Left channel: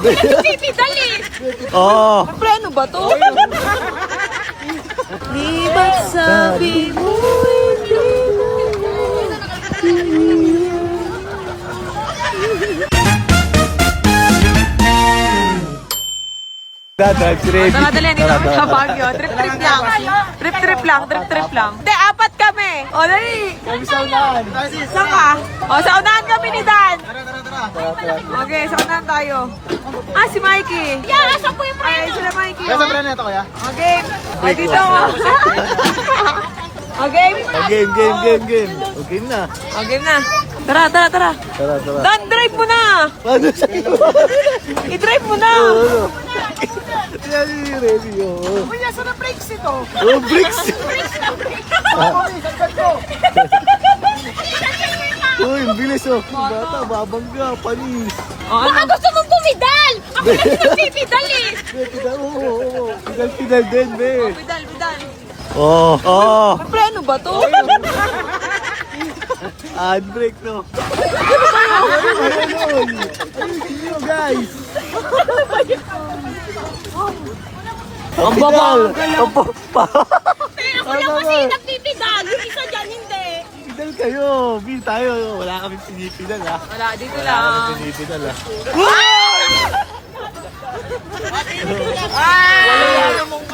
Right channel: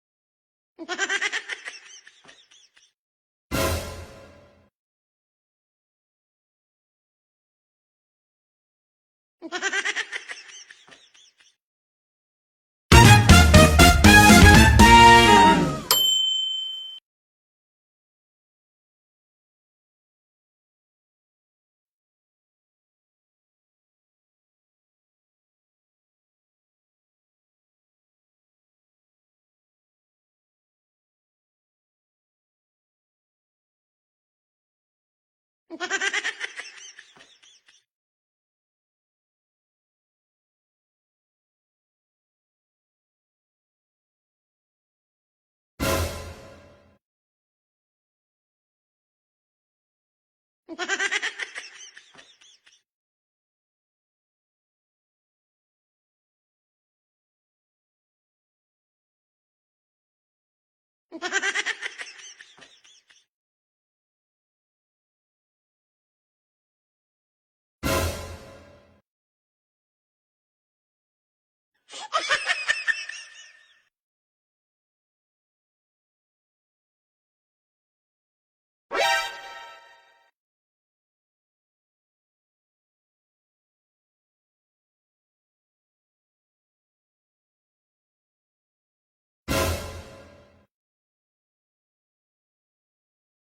Nagpipidal eh. Oo. Preno ba to? Di ba sabi mo Drive si Remy. Tara, dali, dito kami sa Baguio. Trip-trip lang. Trip-trip lang, trip-trip lang. Hindi, apat kami. O, dali. Kami sa unahan. Saan ka? O, sa unahan kami ni Dan. Tara. Okay, sa unahan tayo. Ah, si Mikey. Yeah, asan po yung friend? Ay, sila Mikey. Kaya sa brand nito kuya? Okay. O, dito mo. Okay. Game. Okay na. Okay na. Tara. Tara. Dan, drive mo na. Paano sa'yo? I-drive mo na. Yan si Remy, oo. Uy, nasa na brakes ito? Oh, bricks! Uy, ang bilis oh. Bata, babangga, panis. Oh, Baka gusto mong bumidal! Ako kasi nagpipidal eh! Oo. Pidal din, be. Bidal. Oo. Preno ba to? Handbrake, no? Ayun, guys. Ang babal. Ako lang kasi nagpipidal, yung isa dyan hindi. Pidal kayo. Bil tayo. Wala kami pinipidal, ha? Wala, dito Wala kami lang. pinipidal, ha?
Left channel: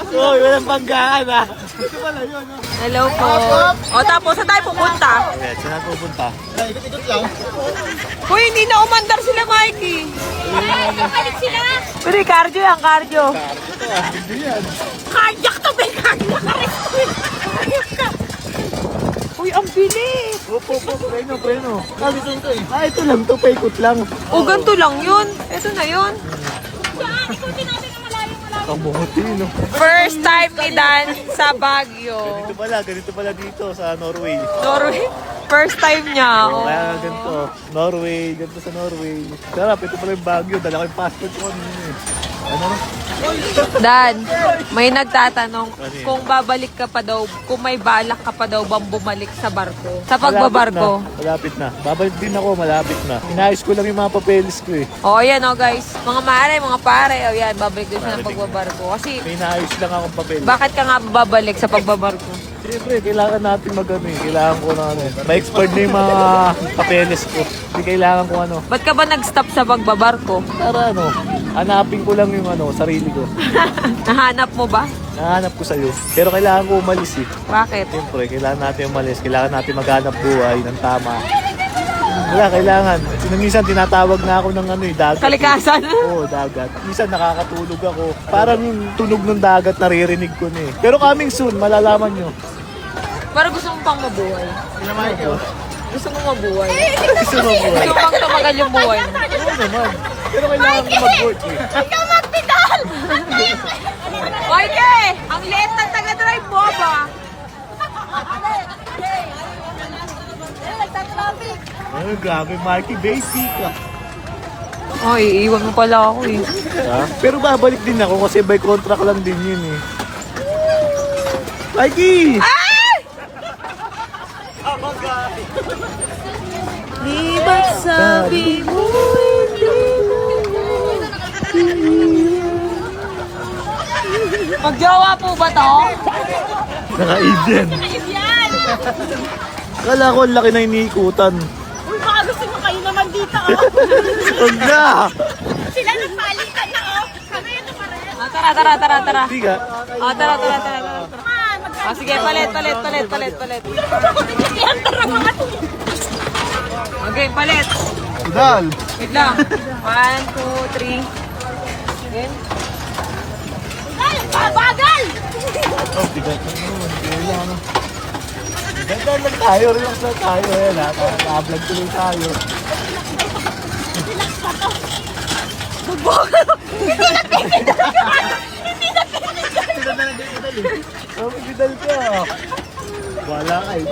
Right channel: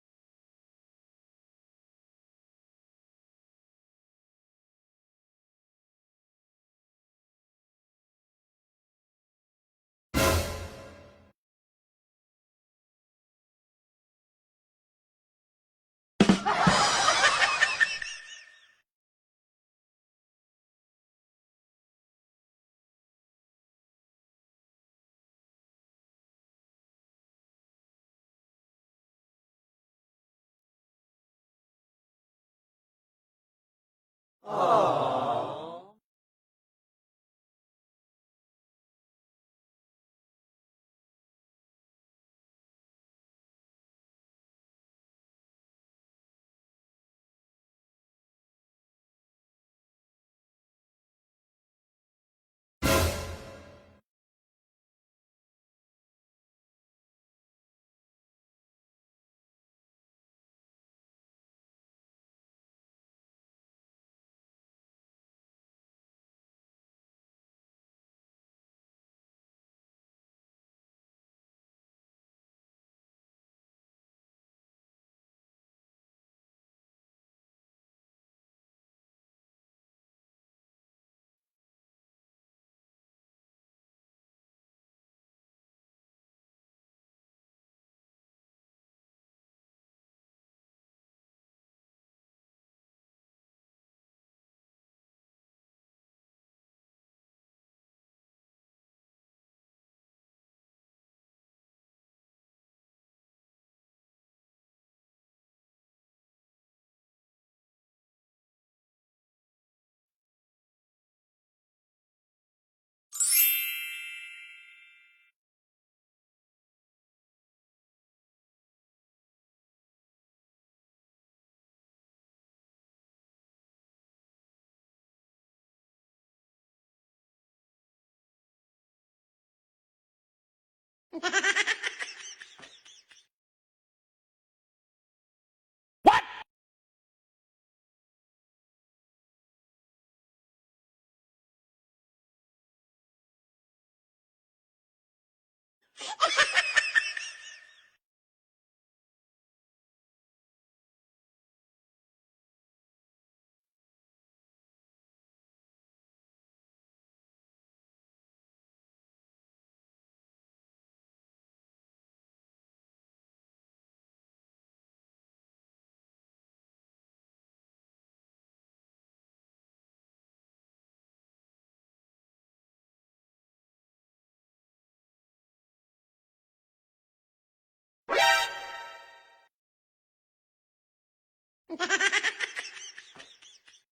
Uy, walang banggaan, ha? Ito pala yun, ha? Hello po. O, tapos, saan tayo pupunta? Okay, saan natin pupunta? Ikot-ikot lang. Uy, hindi na umandar sila, Mikey. Kapalit sila! Pero cardio yan, cardio. Hindi yan. Cardiac to, be! Cardiac! Uy, ang bilis. Opo, preno. Ito lang to, paikot lang. O, ganito lang yun. Ito na yun. Saan? Ikutin natin ang malayo. Ang buhoti, no? First time ni Dan sa Baguio. Ganito pala dito sa Norway. Norway. First time niya. Oh, Oh. kaya ganito. Norway, ganito sa Norway. Sarap, ito pala yung Baguio. Dala ko yung passport ko kanina eh. Ano? Dan, may nagtatanong kung babalik ka pa daw, kung may balak ka pa daw bang bumalik sa barko. Sa pagbabarko. Malapit na. Babalik din ako, malapit na. Inayos ko lang yung mga papeles ko eh. O, ayan o guys. Mga mare, mga pare. O yan, babalik din siya ng pagbabarko. Kasi, May inayos lang akong papeles. bakit ka nga babalik sa pagbabarko? Siyempre, kailangan natin mag-ano eh. Kailangan ko na ano eh. Ma-expert na yung mga papeles ko. Hindi kailangan ko ano. Ba't ka ba nag-stop sa pagbabarko? Para ano, hanapin ko lang yung ano, sarili ko. Nahanap mo ba? Nahanap ko sa'yo. Pero kailangan ko umalis eh. Bakit? Siyempre, kailangan natin umalis. Kailangan natin maghanap buhay ng tama. Wala, kailangan. Minsan tinatawag na ako ng ano eh, dagat. Kalikasan? Oo, dagat. Minsan nakakatulog ako. Parang yung tunog ng dagat naririnig ko na eh. Pero coming soon, malalaman nyo. Parang gusto mo pang mabuhay. Gusto mo mabuhay. Gusto mo buhay? Gusto mo pang tumagal yung buhay mo. Oo naman. Pero kailangan ko mag-work eh. Ikaw magpidal! Oike! Ang liit ng taga-drive mo ba? Ay, grabe, Marky. Basic ah. Ay, iiwan mo pala ako eh. Ha? Pero babalik din ako kasi by contract lang din yun eh. Mikey! Di ba sabi mo Magjowa po ba to? Naka-Indian. Yan! Kala ko ang laki na iniikutan. Uy, baka gusto mo kayo naman dito, oh! Huwag na! Sila nagpalitan na, oh! Kami ito pa rin. Tara. Hindi ka. Tara. Man, Sige, palit. Yan, tara mga to! Okay, palit. Dal! Wait lang. 1, 2, 3. Again. Ay, bagal! Oh, bigat na naman. Kailangan na. Ganda lang tayo. Relax lang tayo. Ayan ha. Naka-vlog tuloy tayo. Relax pa to. Oh, bigidal ka. Wala kayo.